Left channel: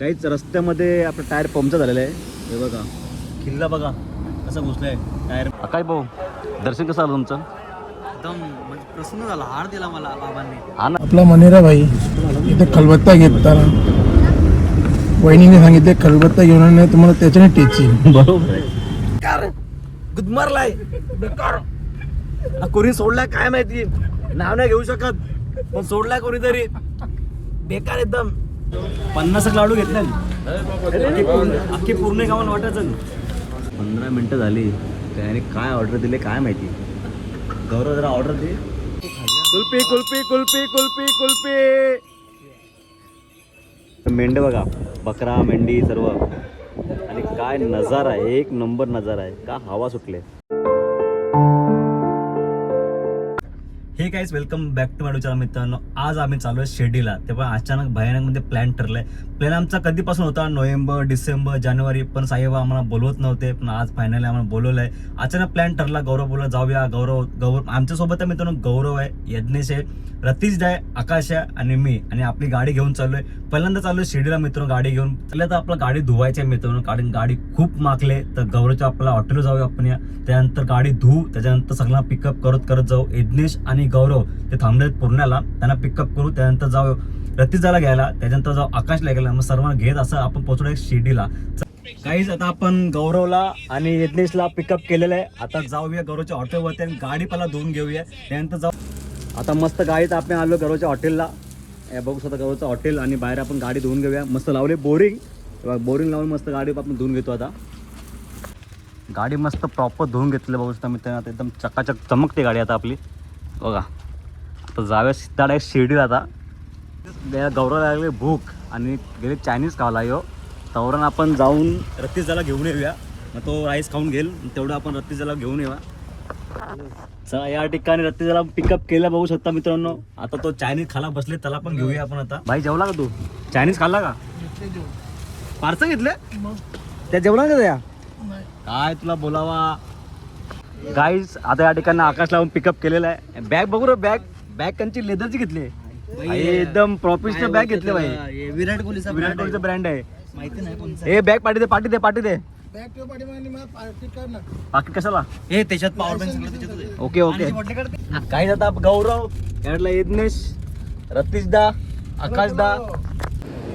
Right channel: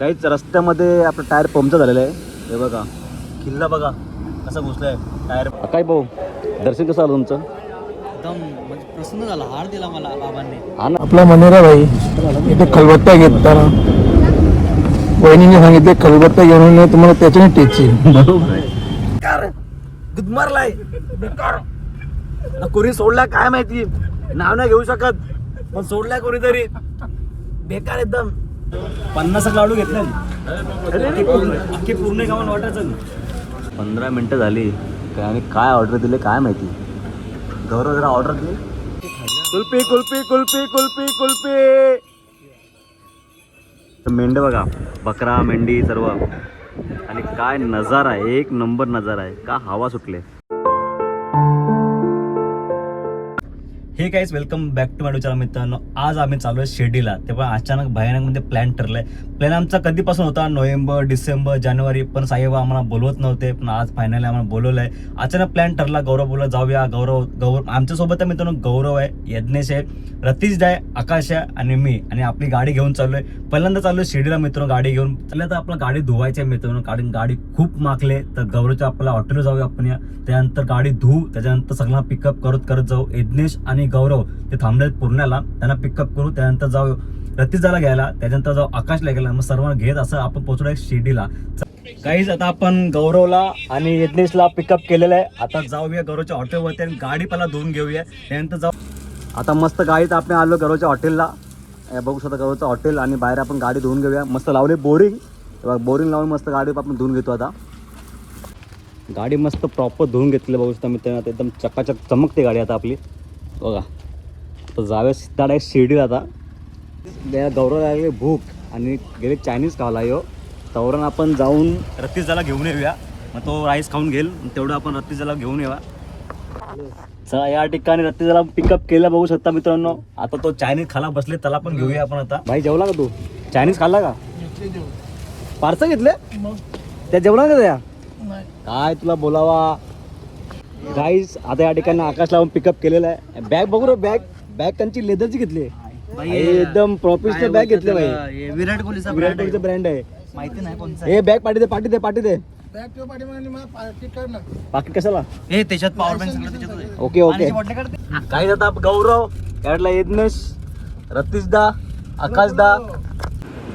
काहीच रस्त्यामध्ये आपलं टायर पंक्चर झालेलं आहे. हे बघा. किल्ला बघा. कसं घुसलंय. टायर काय भाऊ? दर्शन कसं आलं तुमचं? एकदम म्हणजे प्रसन्न झाला. हार दिला मला बाबांनी. हा ना. आपला मनेरा भाई इथे खलबत्ता घेतला वहिनीने सांगितले खलबत्ता घेऊन नाही तुम्हाला त्याच्याने टेची. गुदमारलाय. बेकार. कोणी सोडलाय काय माहिती? नाव नाही घेऊ शकत. पण सोडलाय कोणीतरी. बेकार एकदम. पन्नास लाडू घेतले अख्खी पूर्ण अख्खी पूर्ण गावाला वाटायचं पंधरा मिनटं झाली. काय आणि काय ऑर्डर दिले काय माहिती? गौरव जरा ऑर्डर दिली कुल्पी कुल्पी कुल्पी कुल्पी कुल्पी मेंढ बघा बकरा मेंढी सर्व. आणि काय नजारा आहे एक नंबर नजारा आहे. का हवा सुटले? हे काहीच वेलकम बॅक टू माझ्या मित्रांनो. आज आम्ही चालू आहे शिर्डीला. तेव्हा अचानक भयानकमध्ये प्लॅन ठरलाय. प्लॅन आमचा कधीपासून होता? नोव्हेंबर डिसेंबर जानेवारी. पण साईबा आम्हाला बोलवत नव्हते. पण आज फायनली आम्हाला बोलवलंय. अचानक प्लॅन ठरला गौरव बोला जाऊया. गौरव गौरव आमच्यासोबत आहे मित्रांनो गौरव आहे यज्ञेश आहे रतीश आहे आकाश आहे आणि मी. आणि आपली गाडी घेऊन चाललोय. पहिल्यांदा चाललोय शिर्डीला मित्रांनो गाडी घेऊन. पहिल्या तर आपलं गाडी धुवायची आहे मित्रांनो. कारण गाडी खूप माकले तर गौरवच्या आपल्याला हॉटेलवर जाऊया आपण या. त्यानंतर गाडी धुवू त्याच्यानंतर सगळ्यांना पिकअप करत करत जाऊ. यज्ञेश आणि गौरव ते थांबले पुण्याला त्यांना पिकअप करू त्यानंतर जाऊ रतीजाला घ्यायला त्याच्यानंतर जाऊ आकाशला घ्यायला. मग सर्वांना घेत असं आपण पोहोचलो आहे शिर्डीला. काहीच आता आपण गौरवला आणि यज्ञेशला पिकअप केलेलं आहे. आता जाऊया गौरवच्या हॉटेलवरती आणि गाडी पहिला धुवून घेऊया. त्यानंतर जाऊ आता मस्त गाडीत आपण आलो गौरवच्या हॉटेलला बघू शकता गौरवचं हॉटेल आणि बाहेर आपण गाडी धुवून घेऊया. मस्त लावले बोरिंग बोरिंग लावून मस्त गाडी आपण धुवून घेतो आता. गाडी मस्त प्रॉपर धुवून घेतली बघू शकता मित्रांनो. एकदम चकाचक चमकते गाडी आता आपली. बघा. आता जाऊया सिद्धा डायरेक्ट शिर्डीला आता या गौरवला लागले भूक आणि गेले चायनीज खावला यो तवरण आपण जाऊन रत्तीजाला घेऊन येऊया. मग तो राईस खाऊन घेईल. तेवढं आपण रत्तीजाला घेऊन येऊया चला या ठिकाणी रत्तीजाला पिकअप केलं बघू शकता मित्रांनो. आता तो चायनीज खाला बसले त्याला पण घेऊया आपण आता. भाई जेवला का तू? चायनीज खाल्ला का? पार्सल घेतले? त्या जेवला का त्या? काय तुला बोलावा? गाईज आता या ठिकाणी आकाश लावून पिकअप केलेला आहे. बॅग बघू रे बॅग बॅग त्यांची लेदरची घेतली एकदम प्रोफेशनल बॅग घेतली भाई हे विराट कोहलीचा विराट कोहलीचं ब्रँड आहे आहे. माहिती नाही हे बॅग पाठी दे पाठी दे पाठी दे. बॅग किंवा पाठीमागे मला पार्टी कर ना बाकी कशाला? हे त्याच्यात पॉवर बँक आहे. Okay okay. काही आता गौरव याडला यज्ञेश रतीशदा आकाशदा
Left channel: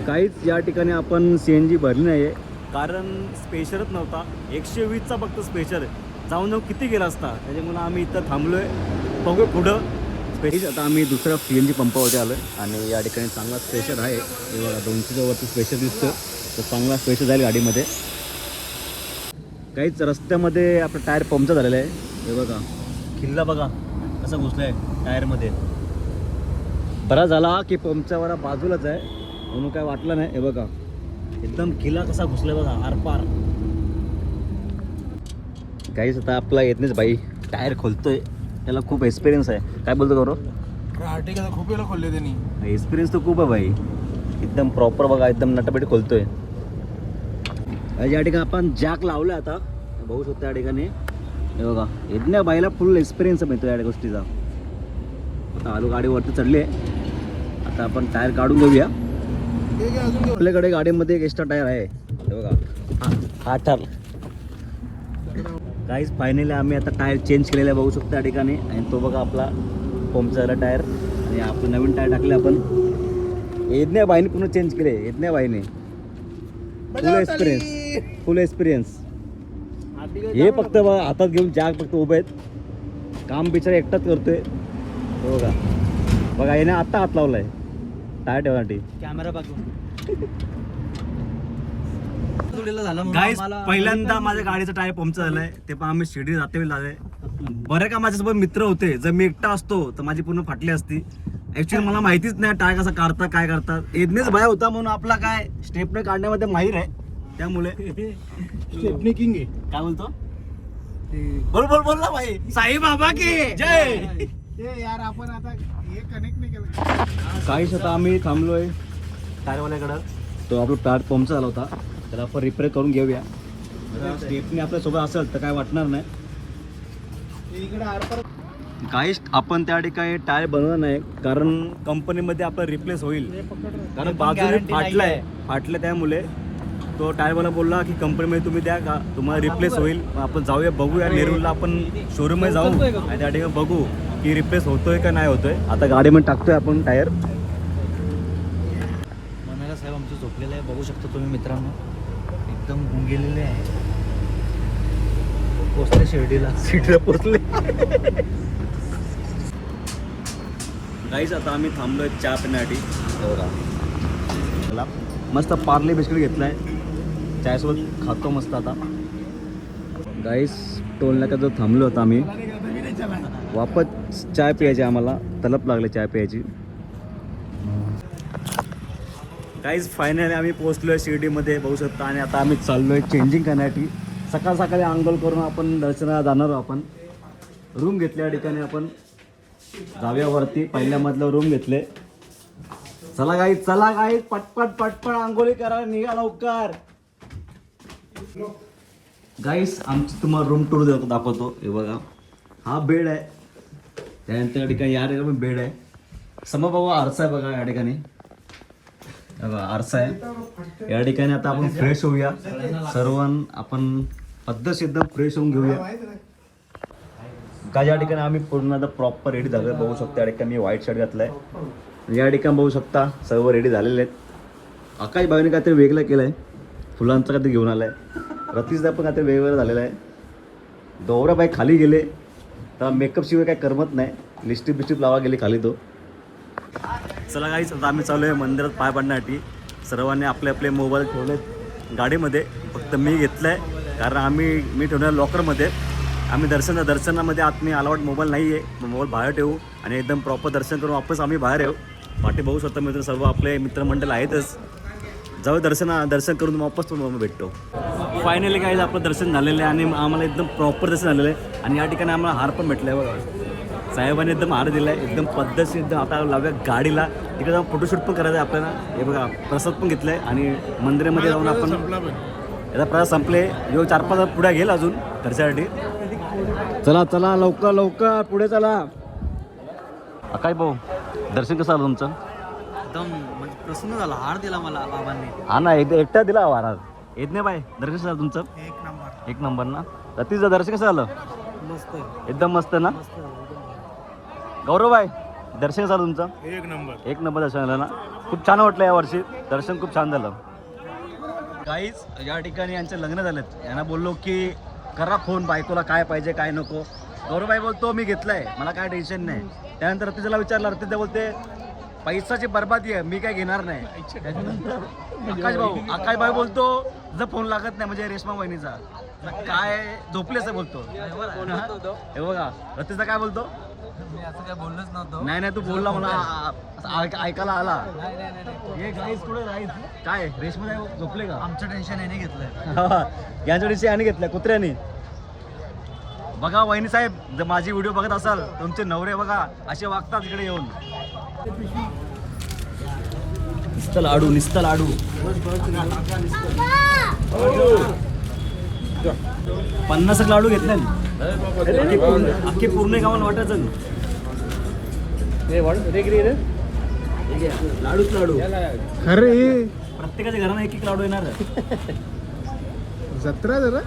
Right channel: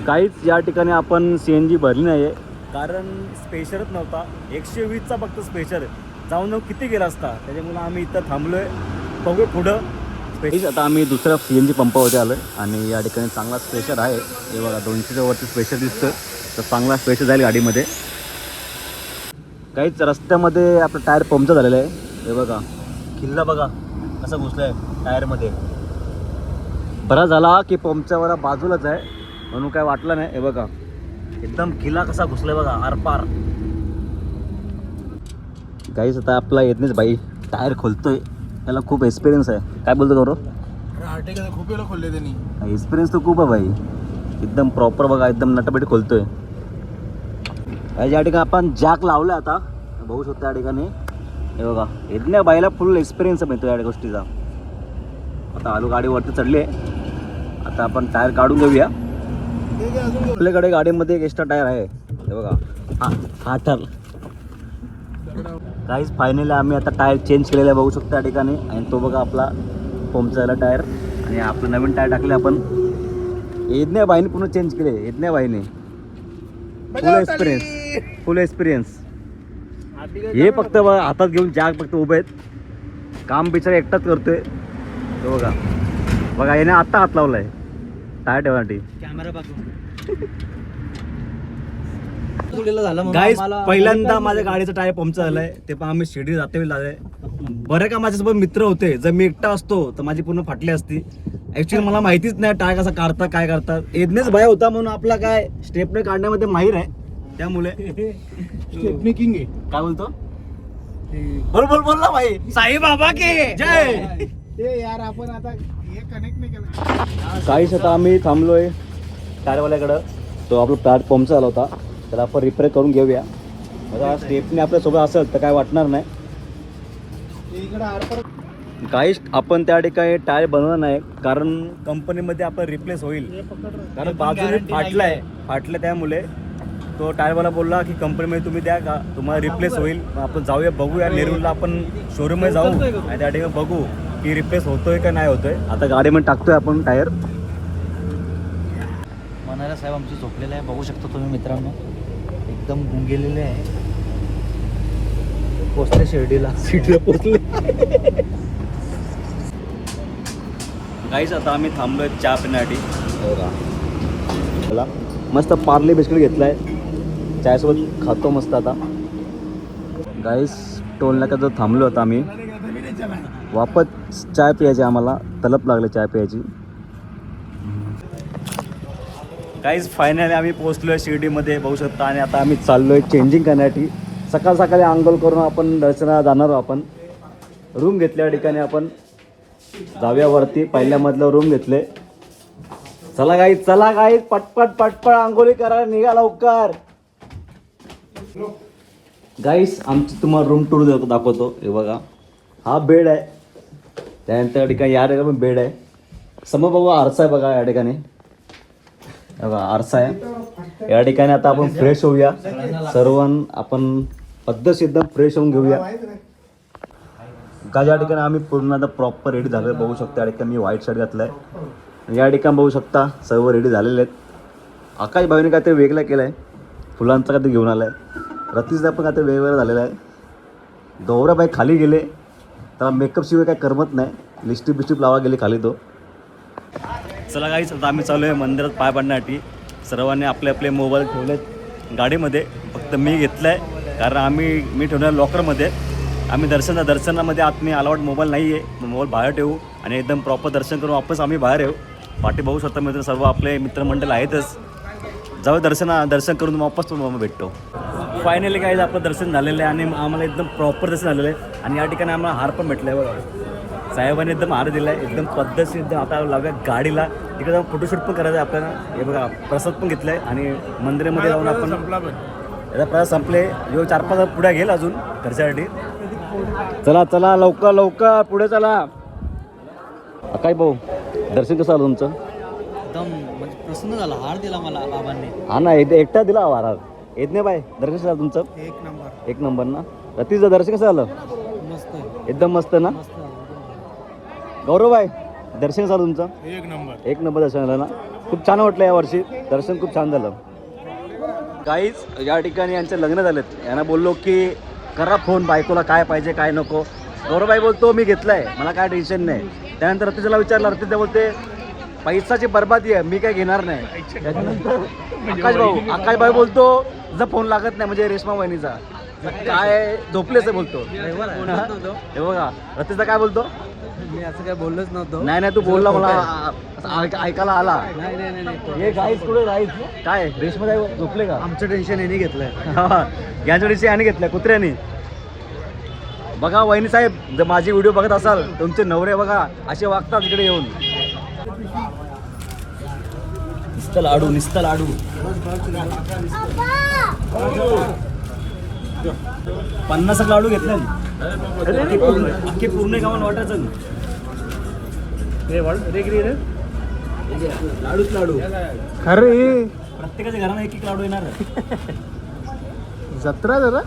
काहीच या ठिकाणी आपण सी एन जी भरली नाही आहे कारण स्पेशलच नव्हता. एकशे वीसचा फक्त स्पेशल जाऊन जाऊन किती गेला असता? त्याच्यामुळं आम्ही इथं थांबलोय. बघू पुढं. स्पेशल आता आम्ही दुसऱ्या सी एन जी पंपावरती आलो आहे आणि या ठिकाणी चांगला स्पेशल आहे. हे बघा दोनशेच्या वरती स्पेशल दिसतोय. तर चांगला स्पेशल जाईल गाडीमध्ये. काहीच रस्त्यामध्ये आपलं टायर पंक्चर झालेलं आहे. हे बघा. किल्ला बघा. कसं आहे टायरमध्ये बरा झाला की पंपच्यावर बाजूलाच आहे. म्हणून काय वाटलं नाही. हे बघा. एकदम किल्ला कसा घुसलाय बघा. आरपार. काहीच आता आपला येत नाहीच बाई टायर खोलतोय. त्याला खूप एक्सपिरियन्स आहे. काय बोलतो गौरव? खूप वेळा खोलले त्यांनी. एक्सपिरियन्स तर खूप आहे भाई. एकदम प्रॉपर बघा एकदम नटबेट खोलतोय. या ठिकाणी आपण जॅक लावला आता. बघू शकतो या ठिकाणी. हे बघा यज्ञ बाईला फुल एक्सपिरियन्स मिळतो या गोष्टीचा. आता आलू गाडीवरती चढले आता आपण टायर काढून घेऊया. आपल्याकडे गाडीमध्ये एक एक्स्ट्रा टायर आहे. हे बघा. हा हा ठर काहीच फायनली आम्ही आता टायर चेंज केलेला आहे बघू शकतो या ठिकाणी. आणि तो बघा आपला पंपचा टायर आणि आपलं नवीन टायर टाकले आपण. यज्ञ बाईने पूर्ण चेंज केले. यज्ञ बाईने फुल एक्सपिरियन्स. फुल एक्सपिरियन्स हे. फक्त बघा हातात घेऊन जाग फक्त उभे आहेत. काम बिचारा एकटाच करतोय. तो बघा. बघा याने आत्ता हात लावलाय. टायर ठेवण्यासाठी. कॅमेरा बघू आम्हाला- पहिल्यांदा माझ्या गाडीचं टायर पंक्चर झालंय. ते पण आम्ही शिर्डी जाते वेळी झालंय बरं का माझ्यासोबत मित्र होते? जर मी एकटा असतो तर माझी पूर्ण फाटली असती. ऍक्च्युली मला माहितीच नाही टायर कसा काढतात काय करतात. येदनेच भय होता म्हणून आपला काय स्टेपने काढण्यामध्ये माहीर आहे. त्यामुळे. स्टेपनी किंग आहे. काय बोलतो? बोल बोल बोल ना भाई. साई बाबा की. जय. ते यार आपण आता हे कनेक्ट नाही केलं. काहीच आता आम्ही थांबलोय. टायरवाल्याकडं. तो आपला टायर पंक्चर झाला होता. तर आपण रिपेअर करून घेऊया. आता स्टेपने आपल्यासोबत असेल तर काय वाटणार नाही. ते इकडे आरपार काही आपण त्या ठिकाणी टायर बनवणार नाही कारण कंपनीमध्ये आपण रिप्लेस होईल. कारण बाजूने फाटलाय फाटलं त्यामुळे. तो टायरवाला बोलला की कंपनीमध्ये तुम्ही द्या का तुम्हाला रिप्लेस होईल. मग आपण जाऊया बघूया. नेरूरला आपण शोरूममध्ये जाऊ आणि त्या ठिकाणी बघू की रिप्लेस होतोय का नाही होतोय. आता गाडीमध्ये टाकतोय आपण टायर. मनाला साहेब आमचं झोपलेलं आहे. बघू शकतो तुम्ही मित्रांनो. एकदम गुंगेलेले आहे. पोचले शिर्डीला. सीटला पोचले. काहीच आता आम्ही थांबलोय चहा पिण्यासाठी. बोला. मस्त पार्ले बिस्किट घेतलाय. चायसोबत खातो मस्त आता. गाईस टोल नाका थांबलो होता आम्ही. वापस चाय प्यायची आम्हाला. तलप लागले चाय प्यायची. काहीच फायनली आम्ही पोहोचलो आहे शिर्डीमध्ये बघू शकता. आणि आता आम्ही चाललो आहे चेंजिंग करण्यासाठी सकाळ सकाळी आंघोळ करून आपण दर्शनाला जाणार आहोत आपण. रूम घेतल्या ठिकाणी आपण. जाव्यावरती पहिल्यामधलं रूम घेतले. चला गाई चला गाई पटपट पटपट आंघोळी करा निघा लवकर. गाईस आमची तुम्हाला रूम टूर दाखवतो. हे बघा. हा बेड आहे. त्यानंतर ठिकाणी या ठिकाणी बेड आहे. समोर बाबा आरसा आहे बघा या ठिकाणी. आरसा आहे. या ठिकाणी आता आपण फ्रेश होऊया. सर्व आपण पद्धतशीर एकदम फ्रेश होऊन घेऊया. का या ठिकाणी आम्ही पूर्ण आता प्रॉपर रेडी झालो बघू शकता या ठिकाणी मी व्हाईट शर्ट घातलाय. आणि या ठिकाणी बघू शकता सर्व रेडी झालेले आहेत. आकाश भाईने ते वेगळं केलं आहे फुलांचा ते घेऊन आलाय. रतीशदा पण काहीतरी वेगवेगळं झालेलं आहे. गौरवबाई खाली गेले. त्याला मेकअप शिवाय काय करमत नाही. लिस्टिप बिस्टिप लावा गेले खाली तो. चला काहीच आता आम्ही चालू आहे मंदिरात पाय पडण्यासाठी. सर्वांनी आपले आपले मोबाईल ठेवलेत. गाडीमध्ये फक्त मी घेतलं आहे कारण आम्ही मी ठेवणार लॉकरमध्ये आम्ही दर्शन दर्शनामध्ये आत मी अलाउड मोबाईल नाही आहे मोबाईल बाहेर ठेवू आणि एकदम प्रॉपर दर्शन करून वापस आम्ही बाहेर येऊ. पाठी बघू शकता मित्र सर्व आपले मित्रमंडळ आहेतच. जाऊ दर्शना दर्शन करून वापस तुम्हाला भेटतो. फायनली काय आपलं दर्शन झालेलं आहे आणि आम्हाला एकदम प्रॉपर दर्शन झालेलं आहे. आणि या ठिकाणी आम्हाला हार पण भेटला आहे बघा. साहेबांनी एकदम हार दिला आहे एकदम पद्धतशीर एकदम आता लावूया गाडीला. तिकडे जाऊन फोटोशूट पण करायचं आहे आपल्याला. हे बघा प्रसाद पण घेतला आहे आणि मंदिरामध्ये जाऊन आपण याचा प्रसाद संपले. यो चार पाच पुढे गेल अजून घरच्यासाठी. चला चला लवकर लवकर पुढे चला. काय भाऊ? दर्शन कसं आलं तुमचं? एकदम म्हणजे प्रसन्न झाला. हार दिला मला बाबांनी. हा ना येते एकटा दिला महाराज येत नाही बाय दर्शन कसं झालं तुमचं? एक नंबर. एक नंबर ना? रतीचं दर्शन कसं झालं? मस्त एकदम मस्त ना? मस्त गौरव बाय दर्शन झालं तुमचं? एक नंबर. एक नंबर दर्शन झालं ना? खूप छान वाटलं या वर्षी. दर्शन खूप छान झालं. काहीच या ठिकाणी यांचं लग्न झालं यांना बोललो की करा फोन बायकोला काय पाहिजे काय नको. गौरवबाई बोलतो मी घेतलाय. मला काय टेन्शन नाही. त्यानंतर रतीला विचारलं रतीला बोलते पैसाची बर्बादी आहे मी काय घेणार नाही. त्याच्यानंतर आकाश भाऊ आकाश भाऊ बोलतो तुझा फोन लागत नाही म्हणजे रेशमा वहिनीचा. काय झोपलेच आहे बोलतो. हे बघा रतीचा काय बोलतो? मी असं काय बोललोच नव्हतो. नाही नाही तू बोलला मला असं ऐक- ऐकायला आला. नाही नाही नाही, नाही हे गाईस कुठे राहील काय रेशमा झोपले का? आमचं टेन्शन यांनी घेतलंय. यांच्या दिवशी आणि घेतलाय. कुत्र्याने. बघा वहिनी साहेब जर माझी व्हिडिओ बघत असाल तुमचे नवरे बघा असे वागतात इकडे येऊन. निस्ता लाडू निस्ता लाडू. पन्नास लाडू घेतले अख्खे पूर्ण अख्खे पूर्ण गावाला वाटायचं लाडूच लाडू. खरे प्रत्येकाच्या घरानं एक एक लाडू येणार जत्रा जरा?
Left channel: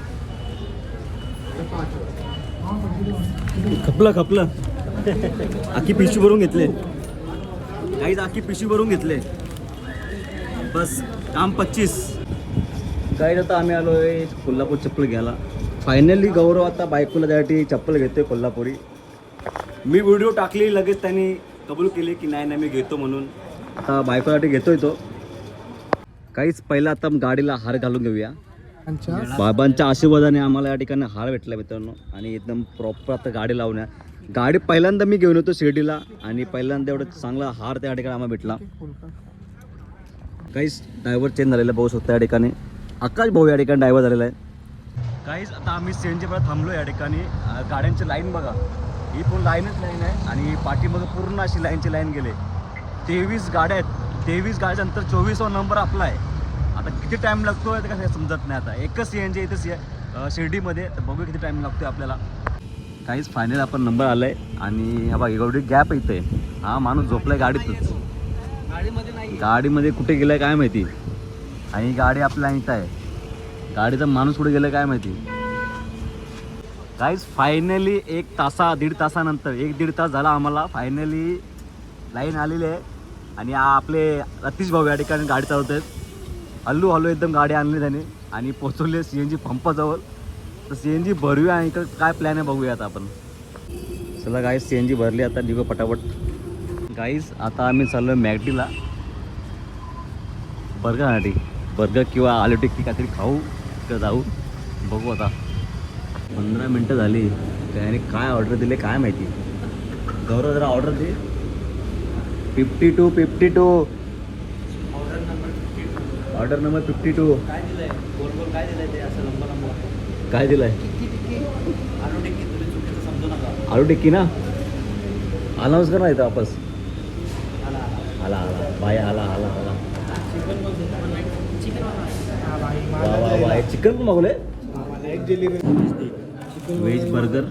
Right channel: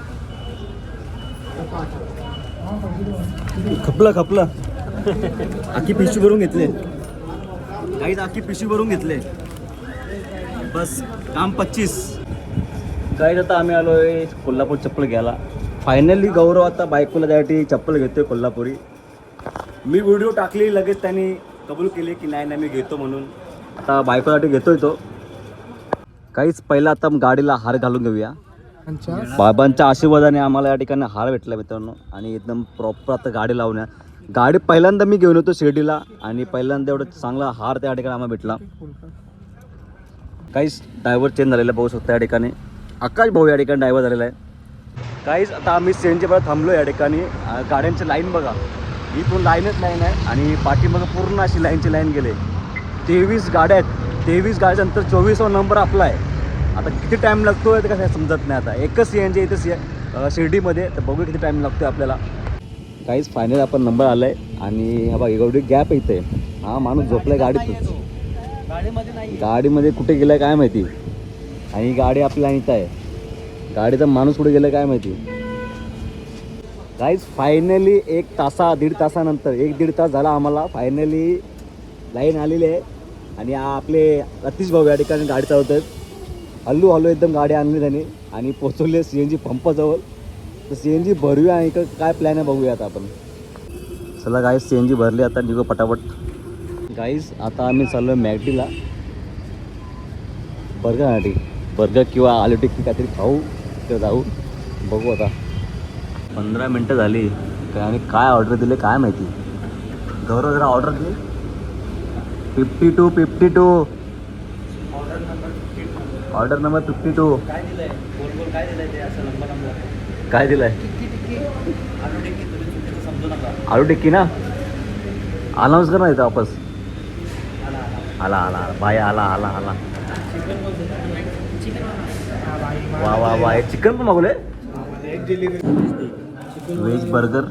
खपलं खपलं. आखी पिशवी भरून घेतले. काहीच आखी पिशवी भरून घेतले. बस काम पच्चीस. काय आता आम्ही आलोय कोल्हापूर चप्पल घ्यायला. फायनली गौरव आता बायकोला त्यासाठी चप्पल घेतोय कोल्हापुरी. मी व्हिडिओ टाकली लगेच त्यांनी कबूल केले की नाही नाही मी घेतो म्हणून. आता बायकोसाठी घेतोय तो. काहीच पहिला आता गाडीला हार घालून घेऊया. बाबांच्या आशीर्वादाने आम्हाला या ठिकाणी हार भेटला मित्रांनो. आणि एकदम प्रॉपर आता गाडी लावण्या गाडी पहिल्यांदा मी घेऊन येतो शिर्डीला. आणि पहिल्यांदा एवढं चांगला हार त्या ठिकाणी आम्हाला भेटला. काहीच ड्रायव्हर चेंज झालेला बघू शकता या ठिकाणी. आकाश भाऊ या ठिकाणी ड्रायव्हर झालेला आहे. काहीच आता आम्ही सीएनजी परत थांबलो या ठिकाणी. गाड्यांची लाईन बघा. इथून लाईनच लाईन आहे आणि पाठीमागं पूर्ण अशी लाईनची लाईन गेले. तेवीस गाड्या आहेत. तेवीस गाड्यानंतर चोवीसावा नंबर आपला आहे. आता किती टाईम लागतो ते कसं समजत नाही आता. एकच सी एन जी इथं सी शिर्डीमध्ये. तर बघूया किती टाईम लागतो आपल्याला. काहीच फायनल आपण नंबर आलाय. आणि हा बघ एवढी गॅप इथे. हा माणूस झोपलाय गाडीतच गाडीमध्ये नाही. गाडीमध्ये कुठे गेलाय काय माहिती? आणि गाडी आपल्याला इथं आहे. गाडीचा माणूस कुठे गेलं काय माहिती? गाईज फायनली एक तासा दीड तासानंतर एक दीड तास झाला आम्हाला. फायनली लाईन आलेली आहे. आणि आपले रतीश भाऊ या ठिकाणी गाडी चालवत आहेत हल्लू हल्लू एकदम गाडी आणली त्यांनी. आणि पोचवले सी एन जी पंपाजवळ. तर सी एन जी भरूया आणि इकडं काय प्लॅन आहे बघूया आता आपण. चला गाईस सी एन जी भरली आता निघू पटापट. गाईज आता आम्ही चाललो मॅगडीला. बर्गरसाठी बर्गर किंवा आलू टिक्की काहीतरी खाऊ तर जाऊ. बघू आता. पंधरा मिनटं झाली. काय आणि काय ऑर्डर दिले काय माहिती? गौरव जरा ऑर्डर दे. Fifty two fifty two order number fifty two काय दिलंय? गोल गोल काय दिलंय ते? असं लंबा लंबा काय दिलंय? टिक्की टिक्की. आलू टिक्की तुम्ही चुकीचं समजू नका. आलू टिक्की ना? अनाऊन्स कर ना इथं वापस. आला आला. आला आला. बाय आला आला आला. वा वा वा. चिकन पण मागवले व्हेज बर्गर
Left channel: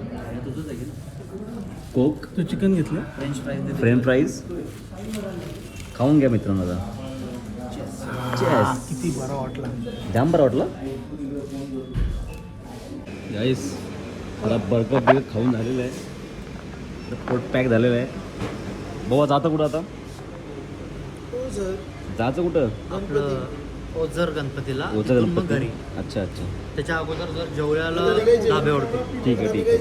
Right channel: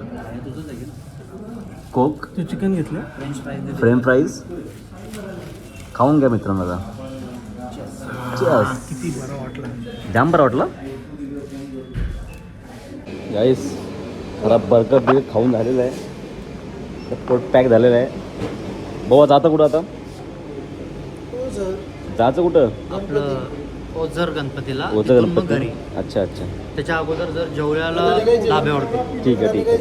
कोक तू चिकन घेतलं? फ्रेंच फ्राईज खाऊन घ्या मित्रांनो आता. किती बरं वाटलं. जाम बरं वाटलं. गाईस जरा बर्गर बिल खाऊन झालेलं आहे. तर पोट पॅक झालेलं आहे. बाबा जातं कुठं आता? जायचं कुठं? आपलं ओझर गणपतीला ओझर मग गणपती. अच्छा अच्छा. त्याच्या अगोदर जर जेवल्याला धाब्यावरती ठीक आहे ठीक आहे.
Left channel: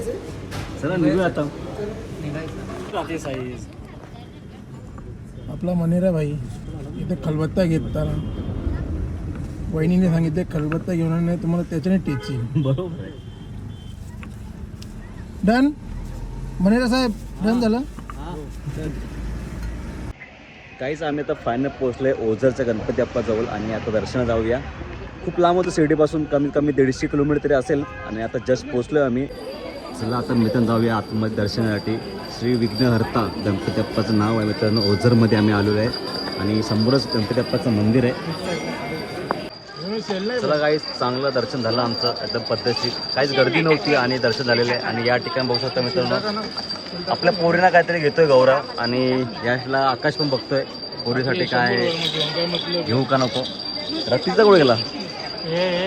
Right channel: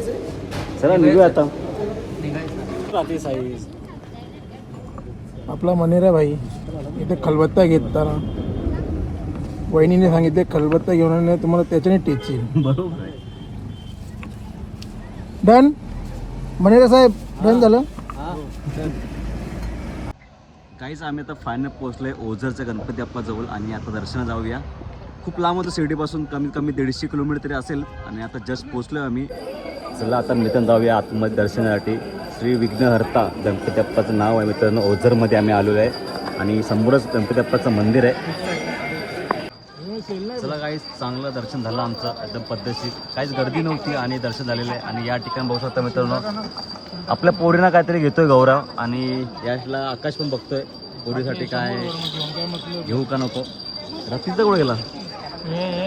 चला निघूया आता. निघायचं. साईज आपला मनेरा भाई इथे खलबत्ता घेतला. वहिनीने सांगितले खलबत्ता घेऊन नाही तुम्हाला त्याच्याने टेची बरोबर. डन? मनेरा साहेब डन झालं? काहीच आम्ही आता फायनल पोहोचलो आहे ओझरच्या गणपती अप्पाजवळ आणि आता दर्शना जाऊया. खूप लांब होतं शिर्डीपासून कमीत कमी दीडशे किलोमीटर तरी असेल आणि आता जस्ट पोहोचलो आहे आम्ही. चला आता मित्रांनो जाऊया आतमध्ये दर्शनासाठी. श्री विघ्नहर्ता गणपती अप्पाचं नाव आहे मित्रांनो. ओझरमध्ये आम्ही आलेलो आहे आणि समोरच गणपती अप्पाचं मंदिर आहे. चला काही चांगलं दर्शन झालं आमचं. एकदम पद्धतशीर. काहीच गर्दी नव्हती आणि दर्शन झालेलं आहे. आणि या ठिकाणी बघू शकता मित्रांनो आपल्या पोरीना काहीतरी घेतोय गौरव. आणि याला आकाश पण बघतोय. पोरीसाठी काय घेऊ का नको? रतीशचा कुठे गेला?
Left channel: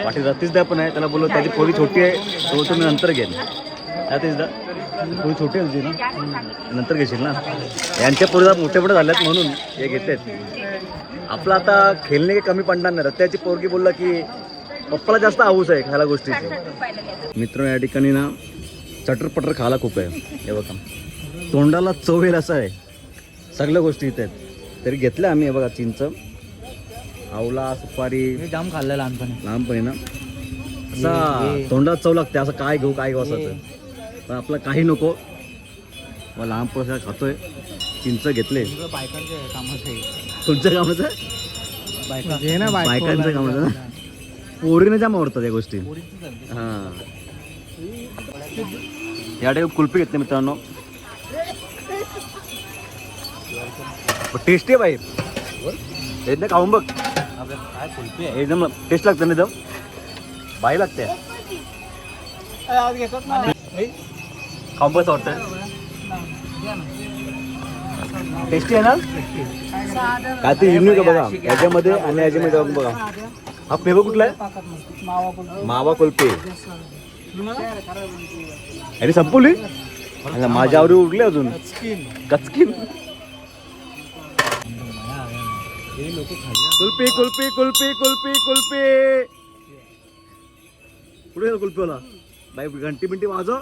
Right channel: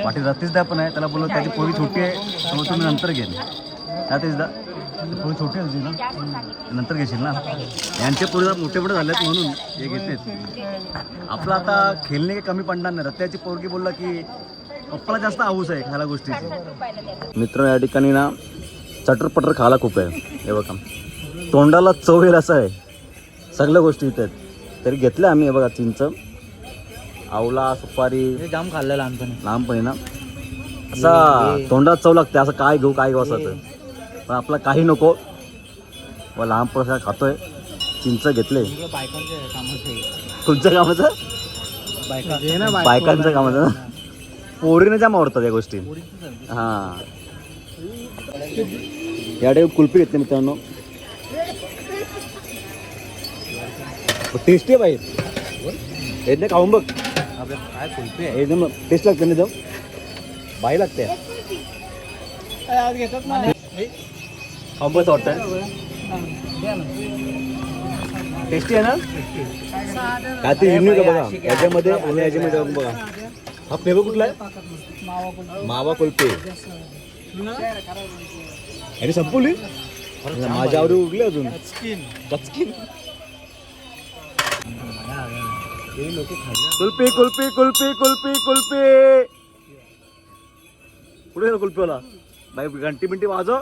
पाठी रतीशदा पण आहे. त्याला बोललो त्याची पोरी छोटी आहे तो तुम्ही नंतर घेईल रतीशदा पोरी छोटी आहे तुझी ना? नंतर घेशील ना? यांच्या पोरीला मोठे मोठे झाल्यात म्हणून हे घेतेत. आपलं आता खेळणे काही कमी पडणार नाही. रत्याची पोरगी बोलला की पप्पाला जास्त हाऊस आहे खायला गोष्टीची. मित्र या ठिकाणी ना चटरपटर खायला खूप आहे. हे बघा. तोंडाला चव येईल असं आहे. सगळ्या गोष्टी इथे आहेत. तरी घेतल्या आम्ही बघा चिंच आवला सुपारी. जाम खाल्लं लहानपणी. लहानपणी ना? असा तोंडात चव लागते असं काय घेऊ काय घेऊ असं. पण आपलं काही नको. व लहानपण खातोय. चिंच घेतले. बायकांच्या कामाचं बायकांचं कामाचं पोरीने जाम आवडतात या गोष्टी. हां. या कुल्फी घेतली मित्रांनो. टेस्टी आहे बाई. एकदम खाऊन बघ. एकदम टेस्ट लागते ना एकदम. बाई लागते. खाऊन बघ वाटतं टेस्टी आहे ना? काय ते युनिक आहे बघा. याच्यामध्ये आणि याच्यामध्ये बघ. बघा हा फ्लेवर कुठला आहे? मावा संपवली? अरे, माझ्या आवडी उरली अजून. कचकीन कुल्फी कुल्फी कुल्फी कुल्फी कुल्फी. कुठे गेला कुल्फीवाला? बाई घंटी बिंटी वाजव.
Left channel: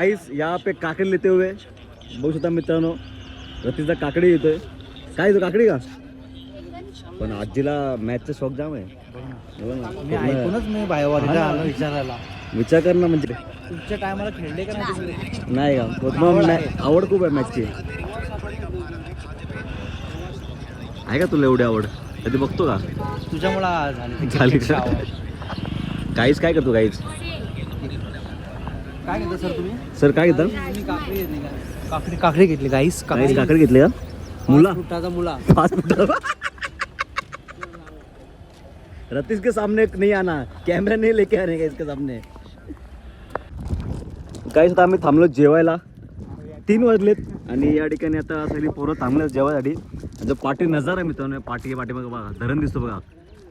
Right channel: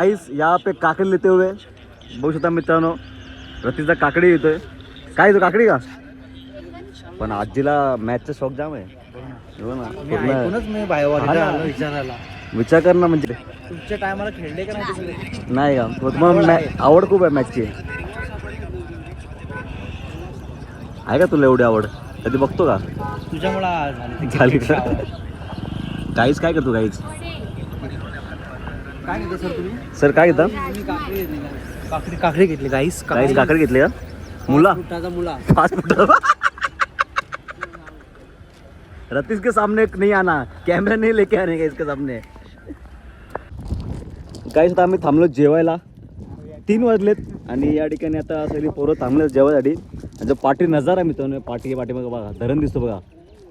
आईस यहाँ पे काकड़ी लेते हुए. बघू शकता मित्रांनो रतीचा काकडी येतोय. काय तो काकडी का? पण आजीला मॅचचा शौक जाम आहे. हो ना. पूर्ण- विचारायला. विचार कर ना म्हणजे. तुमच्या टायमाला खेळले का नाही का? मग मॅ- आवड खूप आहे मॅचची आहे का तुला एवढी आवड? कधी बघतो का? तुझ्यामुळे झाली का? काहीच काय करतो काहीच? काय सर तुम्ही? सर काय घेता? काकडी? काकडी घेतली काहीच काकडी. घेतली का? मुला? मुला. पाच रतीश के सामने नहीं आना. कॅमेरा नाही लेके आने का इसके सामने. आता आम्ही थांबलो जेवायला. तीन वाजलेत आणि या ठिकाणी आता सगळी पोरं थांबले जेवायसाठी. जो पाठी नजारा आहे मित्रांनो पाठी पाठी बघा बघा धरण दिसतो बघा.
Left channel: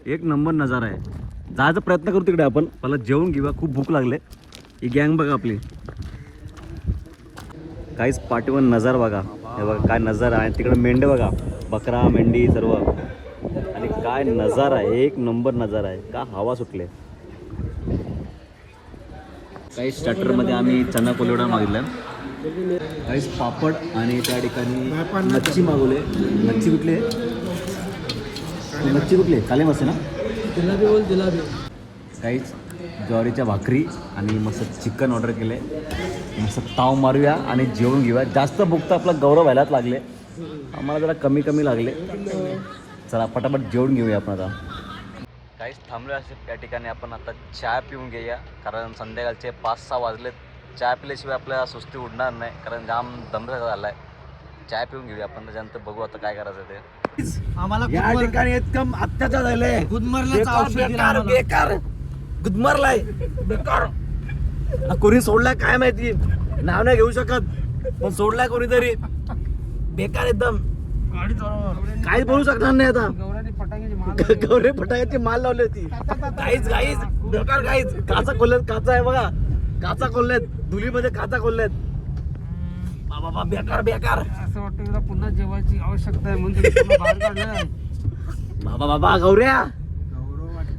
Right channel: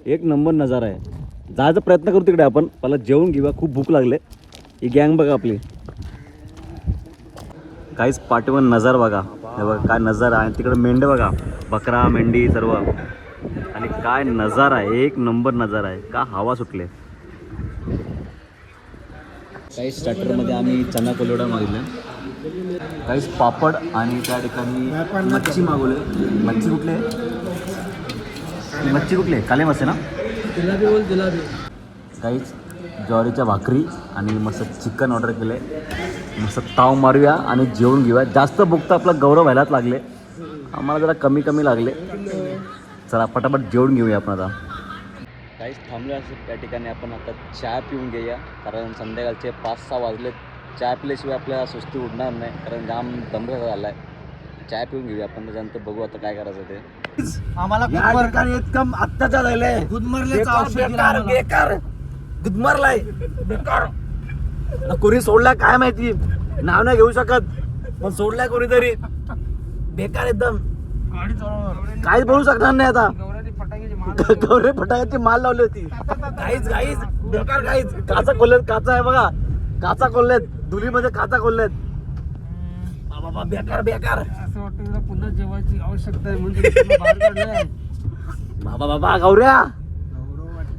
एक नंबर नजारा आहे. जायचा प्रयत्न करू तिकडे आपण मला जेवून घेऊया खूप भूक लागले. ही गँग बघा आपली. काहीच पाठीवर नजर बघा. हे बघा काय नजारा आहे. तिकडे मेंढे बघा. बकरा मेंढी सर्व. आणि काय नजारा आहे. एक नंबर नजारा आहे. का हवा सुटले. काही स्टार्टरमध्ये आम्ही चना कोलवडा मागवला काहीच पापड आणि त्या ठिकाणी मच्छी मागवले. मच्छी कुठली? मच्छी कुठली? काले मच्छी ना? जिलाबी बोल जिलाबी. काहीच ज्वारीच्या भाकरी आणि मस्त चिकन ऑर्डर केले. मस्त ताव मारूया आणि जेवण घेऊया. जास्त भूक तर आपला गौरव व्हायलाच लागले. आम्हाला जरा कमी कमी लागले. चला पटापट जेवण घेऊया आपण आता. काहीच थांबलो असं त्या ठिकाणी आपण आता चहा पिऊन घेऊया. कारण संध्याकाळचे पाच सहा वाजले चहा पिल्याशिवाय आपल्याला सुस्ती उडणार नाही कारण जाम दमरा झाला आहे चहा पिऊन घेऊया आपण त्याच्यानंतर बघू आता काय करायचं ते. आम्हाला या ठिकाणी एकदम अत्याचार झालाय. बेकार बेकार गुदमरलाय. बेकार. कोणी सोडलाय काय माहिती? नाव नाही घेऊ शकत. पण सोडलाय कोणीतरी. बेकार एकदम. काहीच बोलू शकणार नाही आता. गौरे फटाक्याची माल लावली होती. काहीच काहीच. बेकार काहीच. काचा खोललेत काचा आहे बघा. काचा खोललेत. धुलीमध्ये काचा खोललेत. बाबा बाबा बेकार बेकार. असं वाटतं तुला पुन्हा जेवायची आवश्यकता आहे म्हणून तुला बाहेर काढलंय. बाबा बाबा गौऱ्या.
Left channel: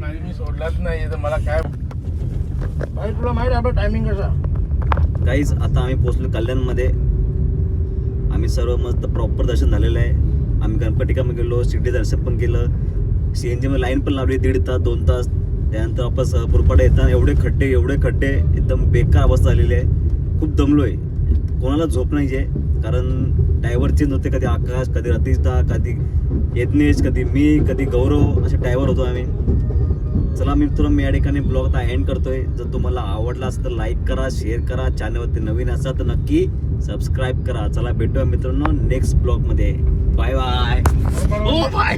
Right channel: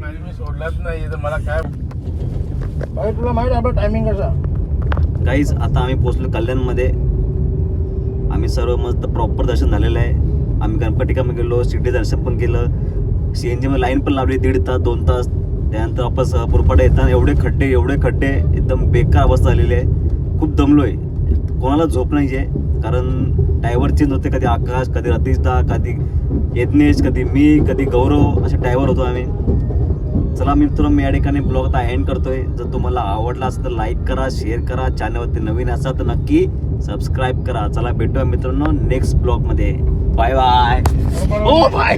मी सोडलाच नाही तर मला काय? भाई तुला माहीत आपला टायमिंग कसा? काहीच आता आम्ही पोचलो कल्याणमध्ये. आम्ही सर्व मस्त प्रॉपर दर्शन झालेलं आहे. आम्ही गणपतीकामध्ये गेलो शिर्डी दर्शन पण केलं. सी एन जीमध्ये लाईन पण लावली दीड तास दोन तास. त्यानंतर वापस पुरपाडा येताना एवढे खड्डे एवढे खड्डे एकदम बेकार अवस्था झालेली आहे. खूप दमलो आहे कोणाला झोप नाही आहे कारण ड्रायव्हर चेंज होते. कधी आकाश कधी रतीशदा कधी यज्ञेश कधी मी कधी गौरव असे ड्रायव्हर होतो आम्ही. चला मित्र मी या ठिकाणी ब्लॉग आता एंड करतोय. जर तुम्हाला आवडला असेल तर लाईक करा शेअर करा. चॅनलवरती नवीन असाल तर नक्की सबस्क्राईब करा. चला भेटूया मित्रांनो नेक्स्ट ब्लॉगमध्ये. बाय बाय ओ बाय